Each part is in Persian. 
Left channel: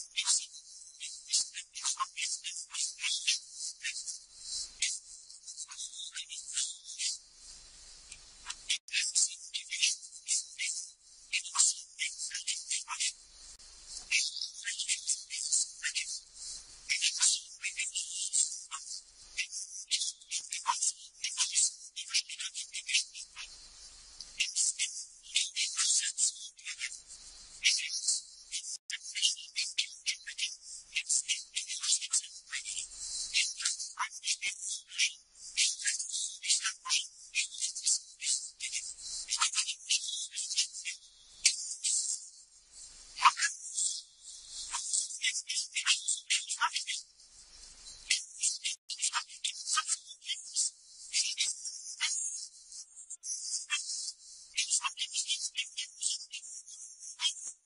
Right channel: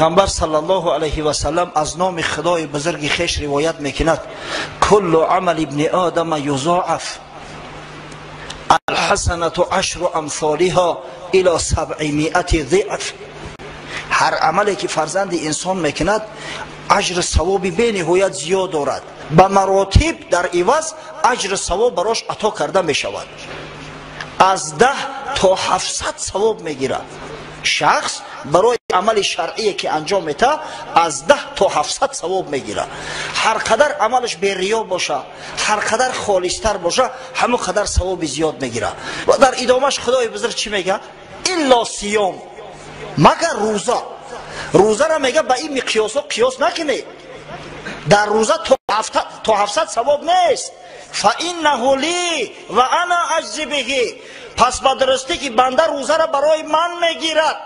پیغمبر صلی الله علیه و سلم از نام خدای بزرگ خویش روایت میکند کل عمل ابن آدم یضاعف الحسنة عشر امثالها الى 700 ضعف. هر عملی که فرزند انسان میکند اجر ثوابی به نهایت زیاد دارد، به مراتب در عوض اجر ثواب براش عطا کرده میشود. از 10 تا 700 ثواب میگیرد. شخص برای عمل شرعی که انجام میده از 10 تا 700 ثواب میگیره. هر قدر عملش به ریا باشه، هر قدر خالصتر باشه، همون قدر ثواب زیاد میگیره. و در ادامهش خدای بزرگ چی میگه؟ الا صیام، مگر روزه. روزه را میگه به این مقیاس قیاس نکنی. در روزه تا 700 ثواب نیست. فانه لی و انا اجزی به، پس به درستی که بنده روزه را برای من میگیرد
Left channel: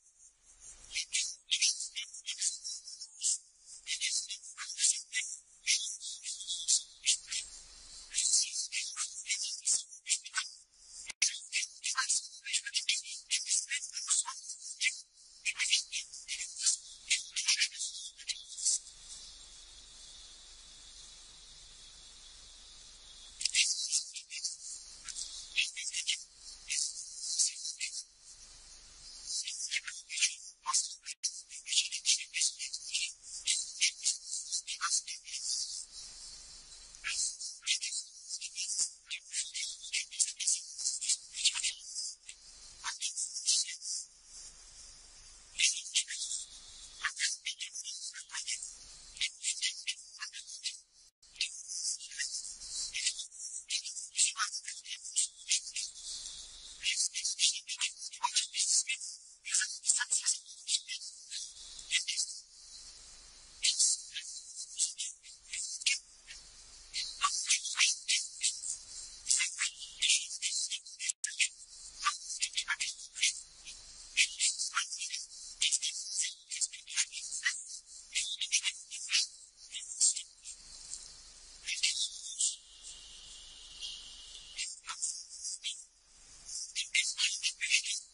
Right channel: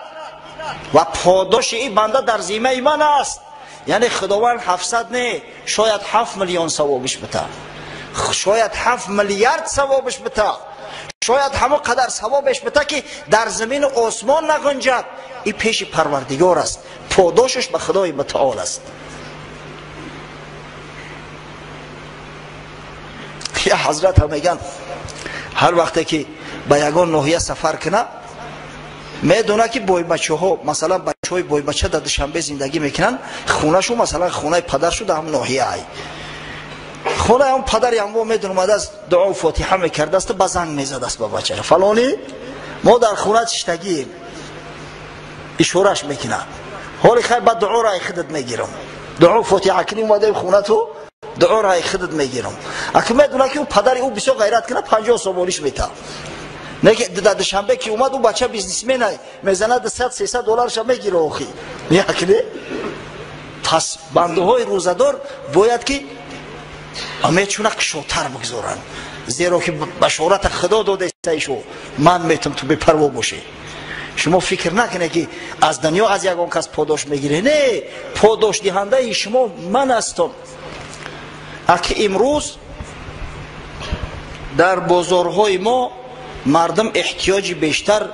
و پاداش این بنده در ذمه من است. یعنی خداوند 700 نه، شاید 7 میلیون ثوابش بده، شاید 7 میلیارد ثوابش بده، شاید همه قدر ثوابش بده که در زمین و آسمان نگنجد. این پیش پروردگار است، پاداشش به خدای متعال است. یا حضرت هم میگن هر وقتی که به یگان ناحیه سفر کنه میدونه که بای بچه ها، مثلا بچه های بای بچه در دوشنبه زندگی میکنن، خونه شو مثلا خونه پدر شو در هم ناحیه ای، خونه هم پدری هم میدونه اومده از دعا و فاتحه میکرده است، بزنگ میزد است با بچه فلانی ما در خونه چشتگی اشارش میکنه، حالی خیر بعد دعا را خودت میگیرم، دعا و فاتحه کنی اومده خونه تو دعا را خودت میگیرم. اگه میدونه که اون پدری او بسیار غیرت کنه 50 سوالیش میته، نه که در دوشنبه که اومد او بچه بیزنسمن میزنه 100-300 دلارش میگیره آخی یعنی. پس بنده های روزدار باید که امیدشون کشوتر بگذارن، زیرا که بشارت خدا داده ایشو من میتونم تو بپروا باشه. شما فکر نکنه که از دنیا از یگان کس پاداش میگیره، نه، پاداش دهنده شما من هستم. اگه امروز در بازارهای ما مردم احتیاج بیشتر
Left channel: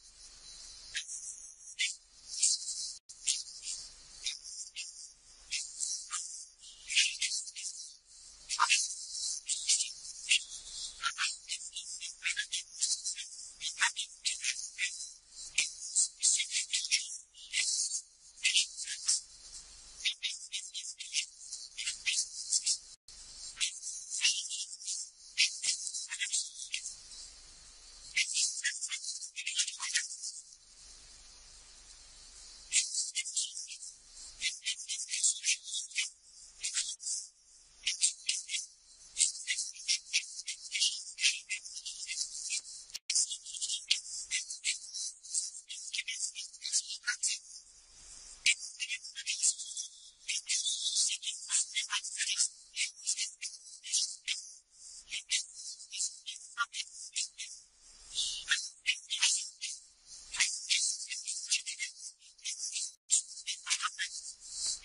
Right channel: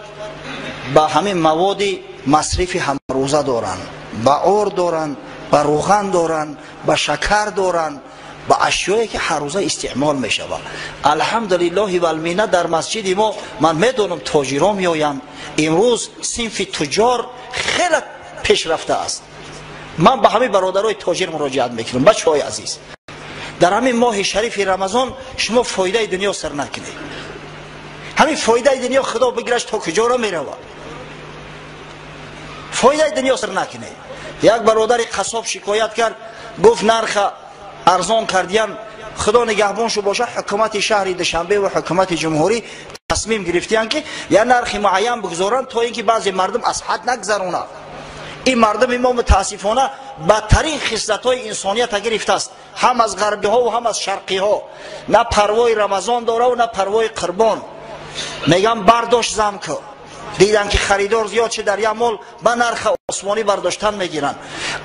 به همین مواد مصرف همروزه دارن، به آرد دارن، به روغن دارن، به شکر دارن، به اشیایی که هر روزه استعمال می شود. الحمدلله و المنه در مسجد ما من میدونم تاجران میآیند، امروز صنف تجار خیلی پیشرفته است. من به همه برادرای تاجر مراجعت میکنم بچه‌های عزیز، در همین ماه شریف رمضان شما فایده دنیا سر نکنید. همین فایده دنیا خدا بگیرش تا کجا را میرود، فایده دنیا سر نکنید. یک برادر قصاب شکایت کرد، گفت نرخ ارزان کردین، خدا نگهبان شو باشه حکومت شهر دوشنبه و حکومت جمهوری تصمیم گرفتین که یا نرخ معین بگذارن تا اینکه بعضی مردم از حد نگذرونه. این مردم ما متاسفانه بدترین خصلت‌های انسانیت گرفته است، هم از غربی ها و هم از شرقی ها. نه پروای رمضان داره و نه پروای قربان. میگم برداشت زم که دیدن که خریدار زیاد شه در یک مال به نرخ آسمانی برداشتن میگیرن.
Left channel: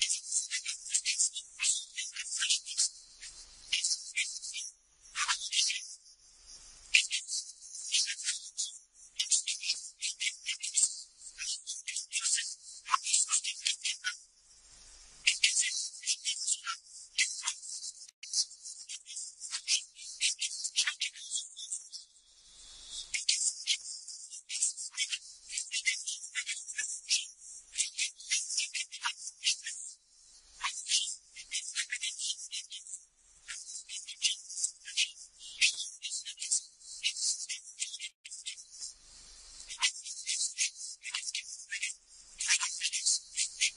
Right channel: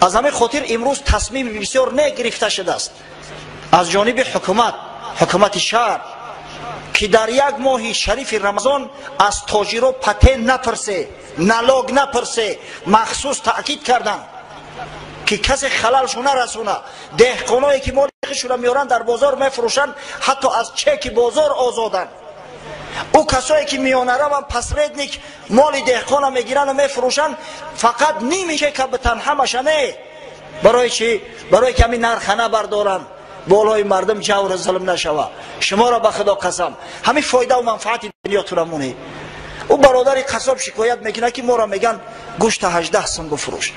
از همه خاطر امروز تصمیم بسیار نگرفته شده است از جانب حکومت شهر که در یک ماه شریف رمضان از تاجرها پته نپرسه، نلاگ نپرسه. مخصوص تاکید کردن که کسی خللشو نرسونه. دهقانایی که مال خودشون میارن در بازار میفروشن، حتی از چک بازار آزادن. او کسایی که میانه رو پس ردنیک مال دهقان میگیرن و میفروشن، فقط نیمیشه که به تنها مشنه. برای چی؟ برای که همین نرخنه بردارن، بالای مردم جور ظلم نشوه. شما را به خدا قسم همین فایده و منفعت دنیا تو رمونه. او برادر قصاب شکایت میکنه که ما را میگن گوشت 18 سنگ بفروش.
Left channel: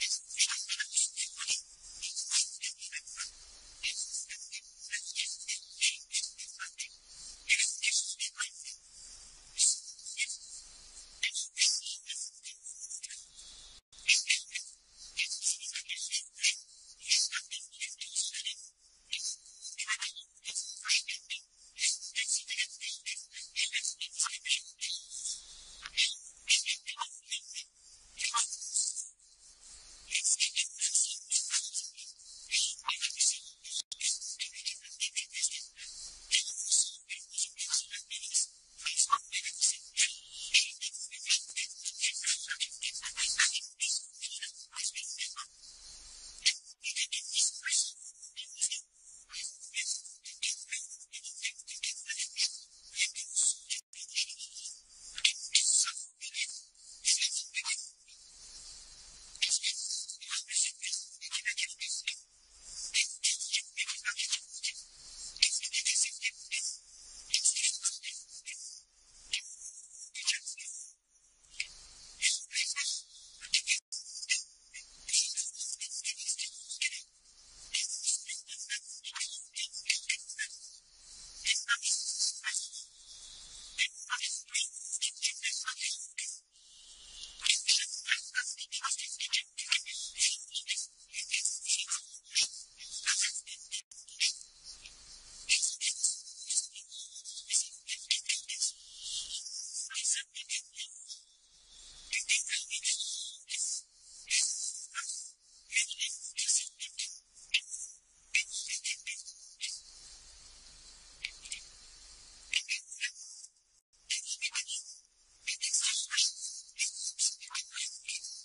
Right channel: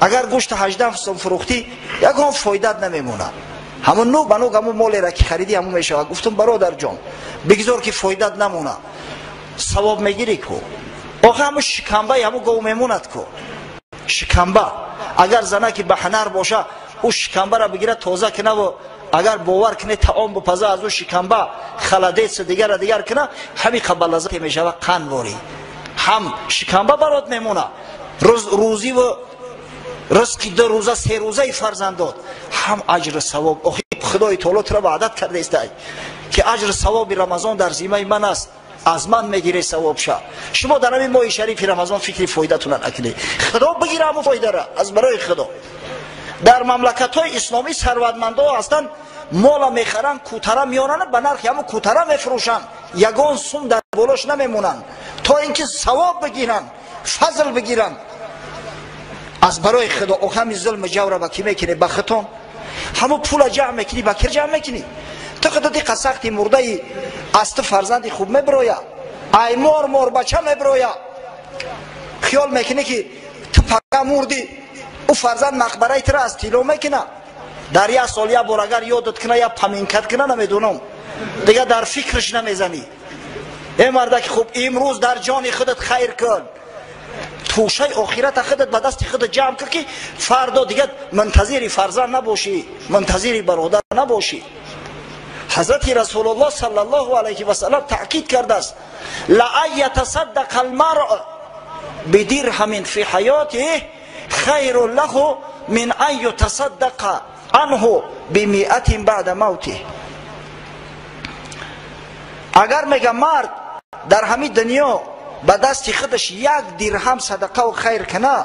اگر گوشت 18 سنگ فروختی یکم فایدت نمیمونه، همون نو بنو همون مالی را که خریدی همون میشه. گفتم برادر جان بگذار که فایدت نمونه، ثواب میگیری کو. آخه همون شکمبه همون گو میموند کو. شکمبه اگر زنه که به هنر باشه او شکمبه را بگیره تازه کنه و اگر باور کنه تعام بپزه از او شکمبه خلدیت دیگر کنه، همین قبل لذت میشه و قنواری هم شکمبه برات میمونه. روزی و رزقی 2 روزه 3 روزه فرزند داد، هم اجر ثواب. خدای تعالی تو را وعدت کرده است که اجر ثواب رمضان در ذمه من است. از من میگیره ثوابشا. شما در همین ماه شریف رمضان فکر فایده‌تون نکنید، خدا بگیره همون فایده را از برای خدا. در مملکت‌های اسلامی ثروتمندا هستند، مال میخرن، کوتره میارن، به نرخ همون کوتره میفروشن، یگان سوم در بالاش نمیمونن تا اینکه ثواب بگیرن، فضل بگیرن از برای خدا. او همین ظلم جور با کی میکنی؟ به خطون. همون پول جمع میکنی، با کی جمع میکنی؟ تو خدا دی قسختی مرده است فرزندی خوب میبرویا، ای مور بچه میبرویا، خیال میکنی که تو پگه مردی او فرزند مقبره تر از تیلو میکنه. در یک سال یا بار اگر یادت کنه یا پمینکت کنه نمیدونم دیگه در فکرش نمیزنی. ای مرده که خوب امروز در جان خودت خیر کن، توشه آخرت خودت به دست خودت جمع کن که فردا دیگه منتظری فرزند نباشی، منتظری برادر نباشی. حضرت رسول الله صلی الله علیه و سلم تاکید کرده است لأن یتصدق المرء بدرهم فی حیاته خیر له من ان یتصدق عنه بمئة بعد موته. اگر میگه مرد در همین دنیا به دست خودش 1 درهم صدقه و خیر کنه،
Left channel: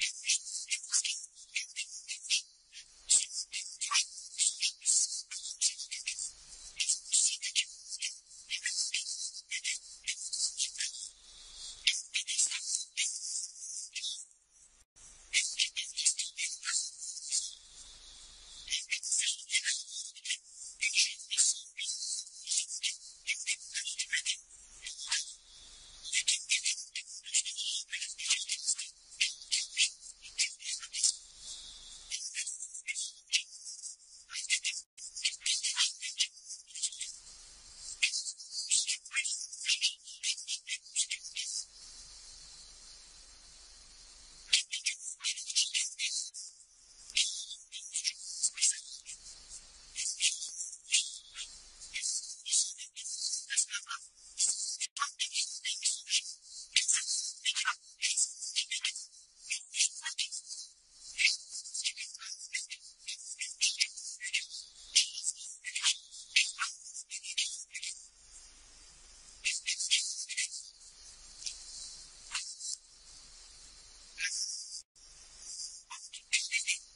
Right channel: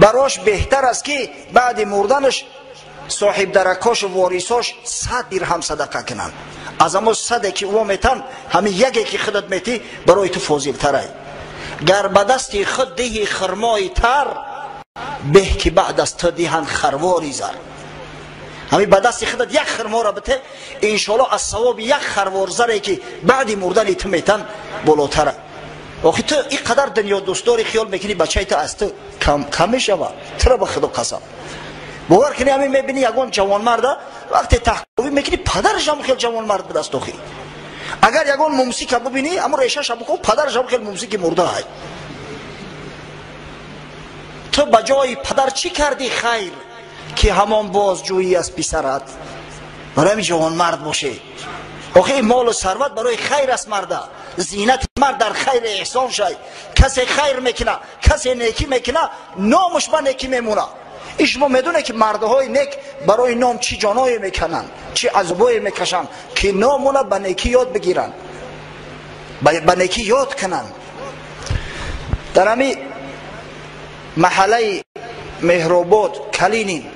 براش بهتر است که بعد مردنش صاحب درکاش و واریساش 100 درهم صدقه کنن. از اما 100 که او میتن همین یکی که خودت میتی برای تو فاضل تره. گر به دست خود دهی خرمای تر، به که بعد از تو دهن خرواری زر. همین به دست خودت 1 خرما را بده، انشالله از ثواب 1 خروار زره که بعد مردن تو میتن بالاتره. آخی تو اینقدر دنیا دوستداری خیال میکنی بچه تو از تو کم میشوه؟ تو را به خدا قسم باور کنی همین میبینی یگان جوان مرده وقتی تحقیقی میکنی پدرش هم خیلی جوان مرد به دست آخی. اگر یگان موسیقی ببینی اما ریشش هم پدرش هم خیلی موسیقی مرده های. تو بجای پدر چی کردی خیر که همان بازجویی از پسرت برای همین جوان مرد باشه؟ آخه مال و ثروت برای خیر است مرده، زینت مرد در خیر احسان شای. کسی خیر میکنه، کسی نیکی میکنه، نامش به نیکی میمونه. شما میدونه که مردهای نیک برای نام چی جانایی میکنن، چی عذابایی میکشن که نامونه به نیکی یاد بگیرن، به نیکی یاد کنن. در همین محله مهرآباد کلینین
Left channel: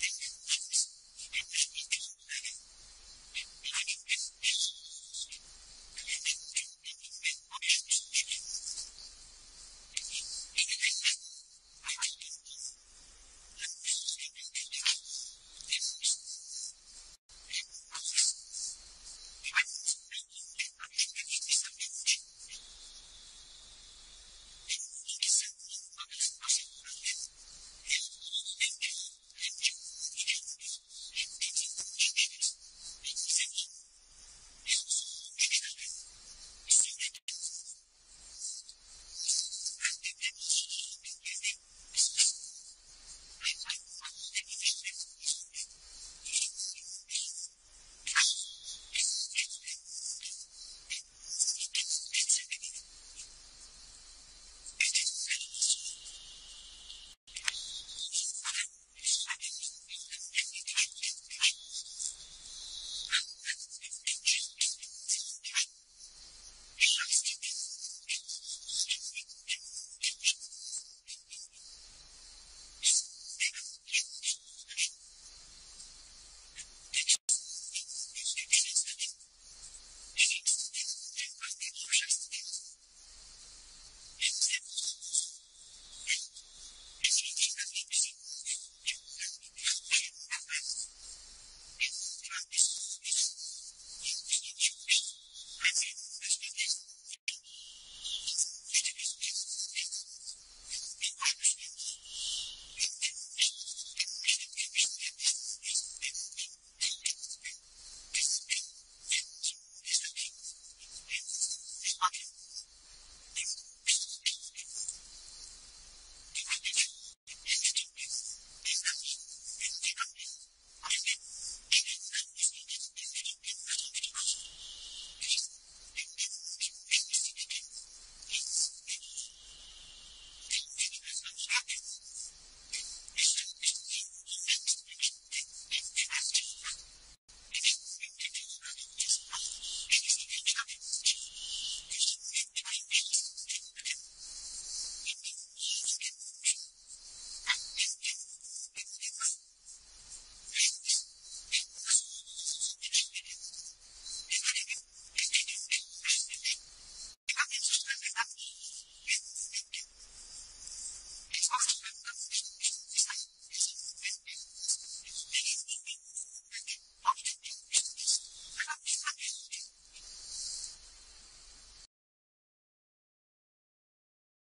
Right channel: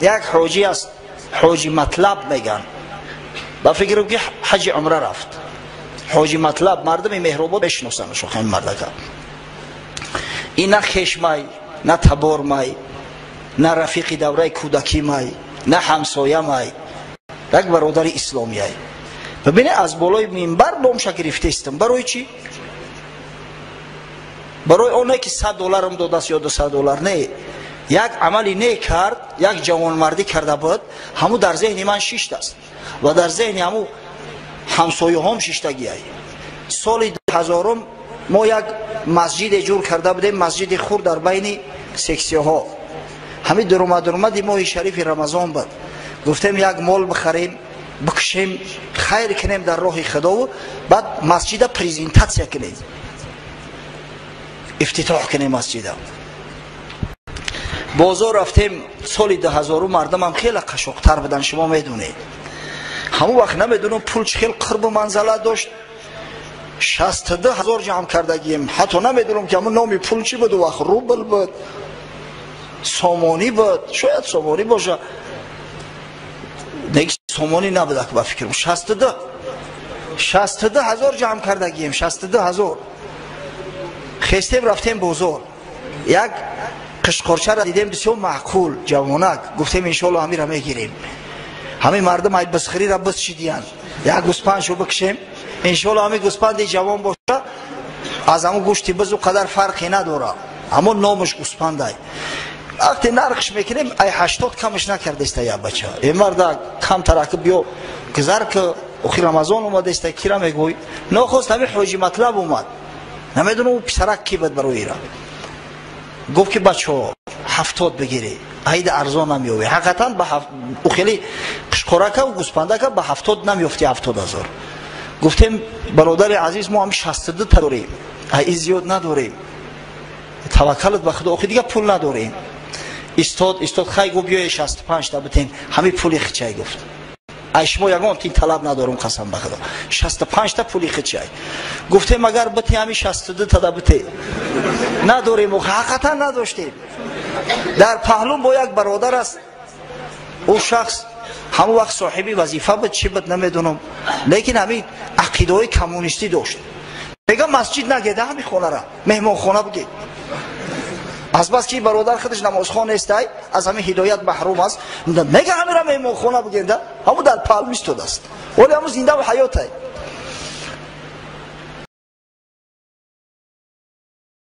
یک حاجی است، حاجی مطلب میگن، با فکرم که حج عمره رفت. حاجی مطلب مردم مهرآباد بشناسنش. خیلی مرده این نه خشمای، نه تبار مای، نه رفیق دوره کودکی مای، نه همسایه مای، یک برادر اسلامی های. ببینه از بالای منبر نامش گرفته استم. برای چی؟ برای اونه که $100 هم داده است یا $200 نه. یک عملی نه کرد، یک جوان مردی کرده بود، همو در ذهن من شیشت است و در ذهن همو همسایه هم شیشتگی های. سال 2000 ما یک مسجد جور کرده بودیم، مسجد خور در بین سکسیه ها. همین درآمد ماه شریف رمضان بود. گفتیم یک مال بخریم بکشیم خیر کنیم در راه خدا و بعد مسجد پریزنتاسیا کنیم، افتتاح کنیم مسجد. بازار رفتیم سال 2000 مردم هم خیلی قشقتر بودن. شما میدونید همون وقت نمیدونم پول چه خیلی قرب و منزله داشت. 62,000 جمع کردگیم. حتی نمیدونم که همون نامی پول چی بود. وقت روبل بود، سامانی بود، شاید سامانی باشه، دیگه سامانی نبوده که با فکرم. 62,000 جمع کردگیم. 62,000 خستیم رفتیم بازار. یک قشقرچه را دیدیم بسیار معقول جوانک. گفتیم انشالله همین را میگیریم. همین مردم های بسخری را بس چیدین، یک گوسپند شو بکشیم انشالله همین گوسپند جوان باشه. از همون گوشتی بز و قدر فرقی نداره، همون نامش گوسپند های. وقتی نرخش میکنیم ای 80 کمش نکرده است یا بچه. این مرد کم ترکب بیا گذر که اخی رمضان اومده است کی را میگوی؟ نخواست همین حاجی مطلب اومد، نمیدونم او پسرک کی بود برای ایران. گفت که بچه 70 بگیری عید ارزان نمیوی. حقیقتا او خیلی قشقرکه و گوسپندکه به 70 نمیفتی. 70,000 گفتیم برادر عزیز ما هم 62 تا داریم، ای زیاد نداریم، توکلت به خدا، آخه دیگه پول نداریم. استاد خی گفت بیای 65 تا بتین همین پولی خچای گفت. شما یگان تین طلب ندارم قسم به خدا 65 تا پولی خود چای گفتم اگر بتی همین 62 تا بتی نداریم و حقیقتا نداشتیم. در پهلو با یک برادر است او شخص همون وقت صاحبی وظیفه بود چی بود نمیدونم لیکن همین عقیده های کمونیستی داشت. میگه مسجد نگیده همین خونه را مهمان خونه بگید از بس که برادر خودش نمازخوان است از همین هدایت محروم است میگه همین را مهمان خونه بگید همون در پهلو ایستاده است ولی همون زنده و حیات است.